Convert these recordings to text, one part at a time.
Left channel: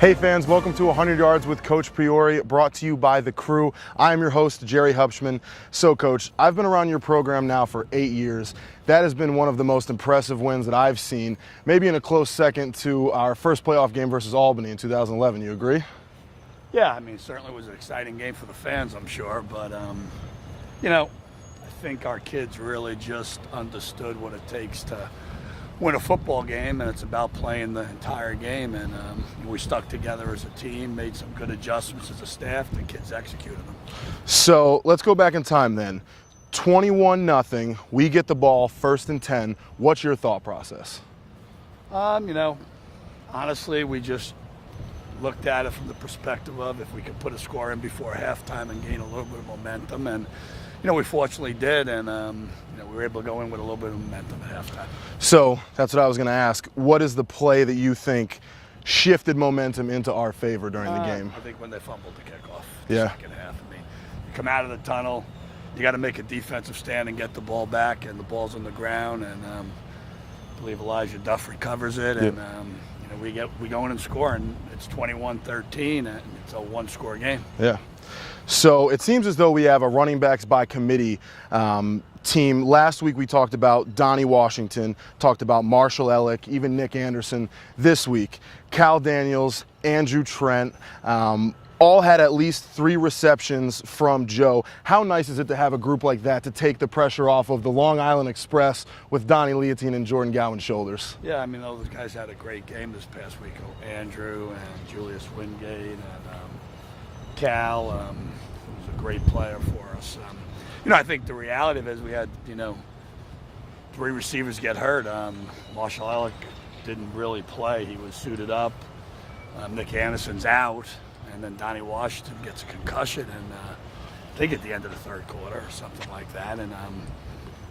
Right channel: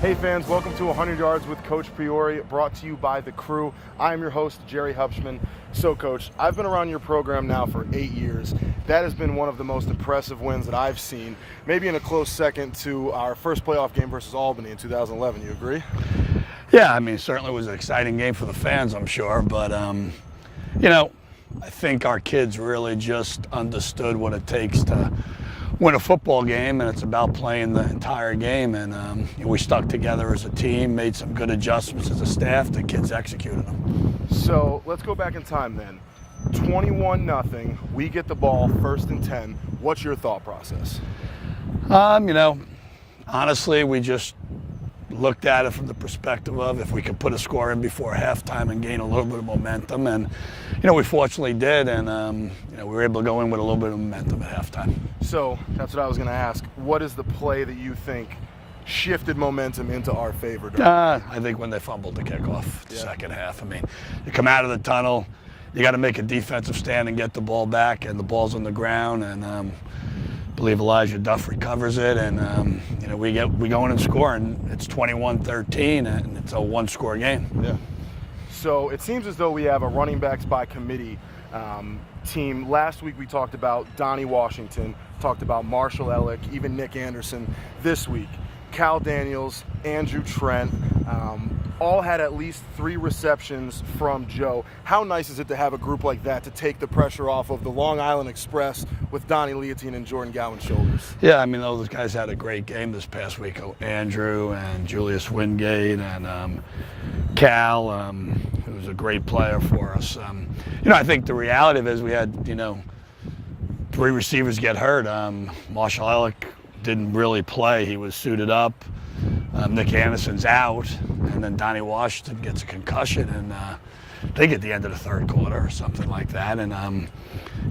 Hey fans, welcome to 100 Yards with Coach Priore, brought to you by The Crew. I am your host, Jerry Hupschman. So Coach, I've been around your program now for 8 years. That has been one of the most impressive wins that I've seen, maybe in a close second to our first playoff game versus Albany in 2011. You agree? Yeah, I mean, it certainly was an exciting game for the fans, I'm sure. But, I think our kids really just understood what it takes to win a football game, and it's about playing the entire game. And we stuck together as a team, made some good adjustments as a staff. The kids executed them. So let's go back in time then. 21-0. We get the ball, 1st and 10. What's your thought process? Honestly, we just looked at it from the perspective of if we could put a score in before halftime and gain a little bit of momentum. And, we fortunately did, and we were able to go in with a little bit of momentum at halftime. So that's what I was going to ask. What is the play that you think shifted momentum into our favor during the game? I think when they fumbled the kickoff the second half. I mean, you come out of the tunnel, you got to make a defensive stand and get the ball back, and the ball's on the ground, and I believe Elijah Duff recovers it, and we go in and score, and it's 21-13, and it's a one-score game. Yeah. So it seems as though we have a running backs by committee team. Last week we talked about Donnie Washington, talked about Marshall Ellick, even Nick Anderson. This week, Cal Daniels, Andrew Trent, all had at least 3 receptions from Joe. How nice is it to have a group like that to take the pressure off of the Long Island Express with Donnie Leontine and Jordan Gowan's shoulders? Yeah, I mean, those guys had a great game this past week. Andrew and Julius Wingate and Cal, who was a great player for us. I think the reality of it is we had, 3 receivers get hurt. Marshall Ellick didn't really play. He was suited up. Nick Anderson's out. And then Donnie Washington gets a concussion. And I think at the end of the third quarter or something like that. And,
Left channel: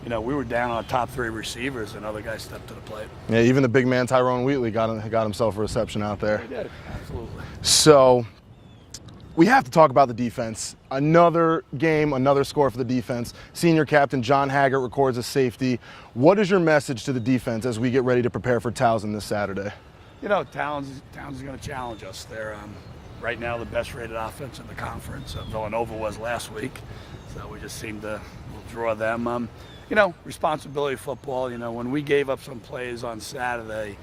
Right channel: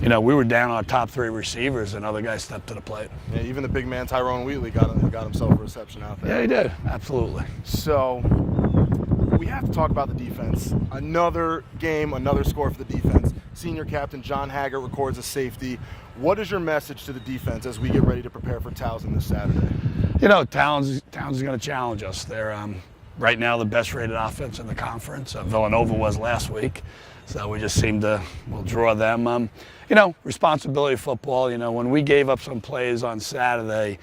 we were down our top 3 receivers, and other guys stepped to the plate. Yeah, even the big man Tyrone Wheatley got himself a reception out there. Yeah, he did. Absolutely. So we have to talk about the defense. Another game, another score for the defense. Senior captain John Haggart records a safety. What is your message to the defense as we get ready to prepare for Towson this Saturday? Towson's going to challenge us. They're right now the best rated offense in the conference. Villanova was last week, so we just seem to draw them. Responsibility football. When we gave up some plays on Saturday,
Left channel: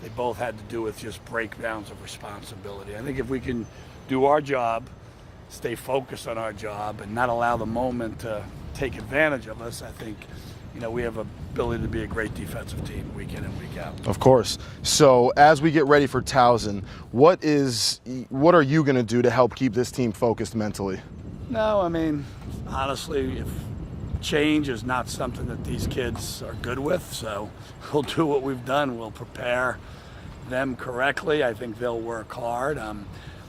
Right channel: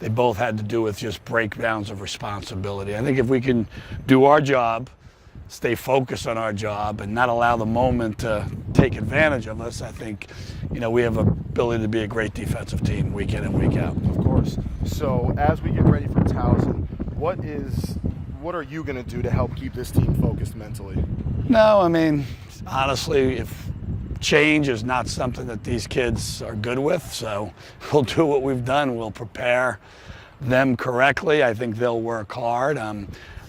they both had to do with just breakdowns of responsibility. I think if we can do our job, stay focused on our job, and not allow the moment to take advantage of us, I think, we have an ability to be a great defensive team week in and week out. Of course. So as we get ready for Towson, what are you going to do to help keep this team focused mentally? No, I mean, honestly, if change is not something that these kids are good with, so we'll do what we've done. We'll prepare them correctly. I think they'll work hard.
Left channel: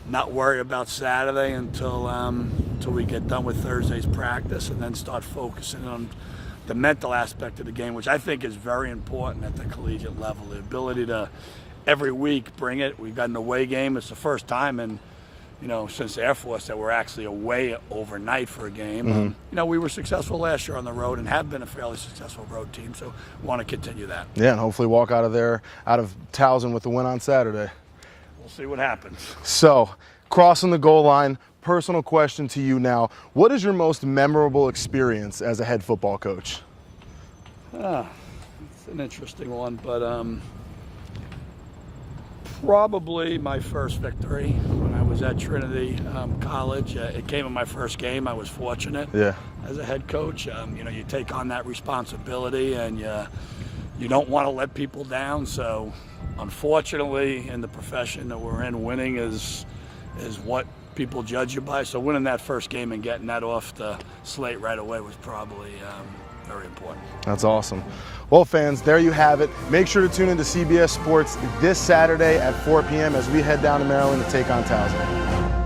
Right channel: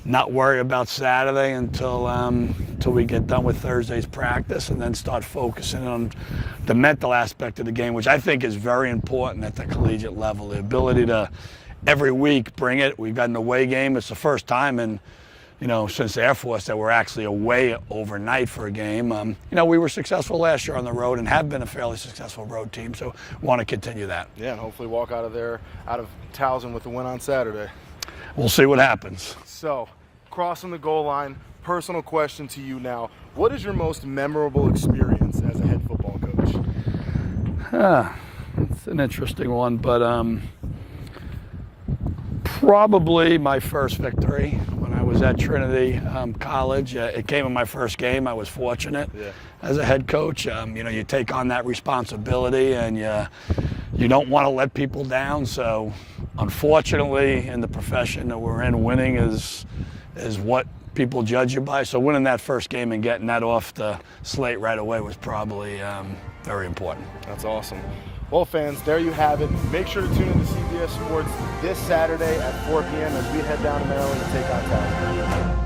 Not worry about Saturday until we get done with Thursday's practice, and then start focusing on the mental aspect of the game, which I think is very important at the collegiate level. The ability to every week bring it. We've got an away game. It's the first time in since the Air Force that we're actually away overnight for a game. Mm-hmm. We were successful last year on the road and have been a fairly successful road team, so we want to continue that. Yeah, and hopefully walk out of Towson with the win on Saturday. We'll see what happens. So, crossing the goal line, personal question to you now. What is your most memorable experience as a head football coach? It's an interesting one, but probably my first victory when I was at Trinity College. It came in my first game. I was fortunate as a head coach. You take on that responsibility, and you don't want to let people down. So unfortunately, in the profession that we're in, winning is what people judge you by. So winning that first game and getting that off the slate right away was probably very important. That's awesome. Well, fans, there you have it. Make sure to tune into CBS Sports this Saturday at 4 p.m. as we head down to Maryland to take on Towson.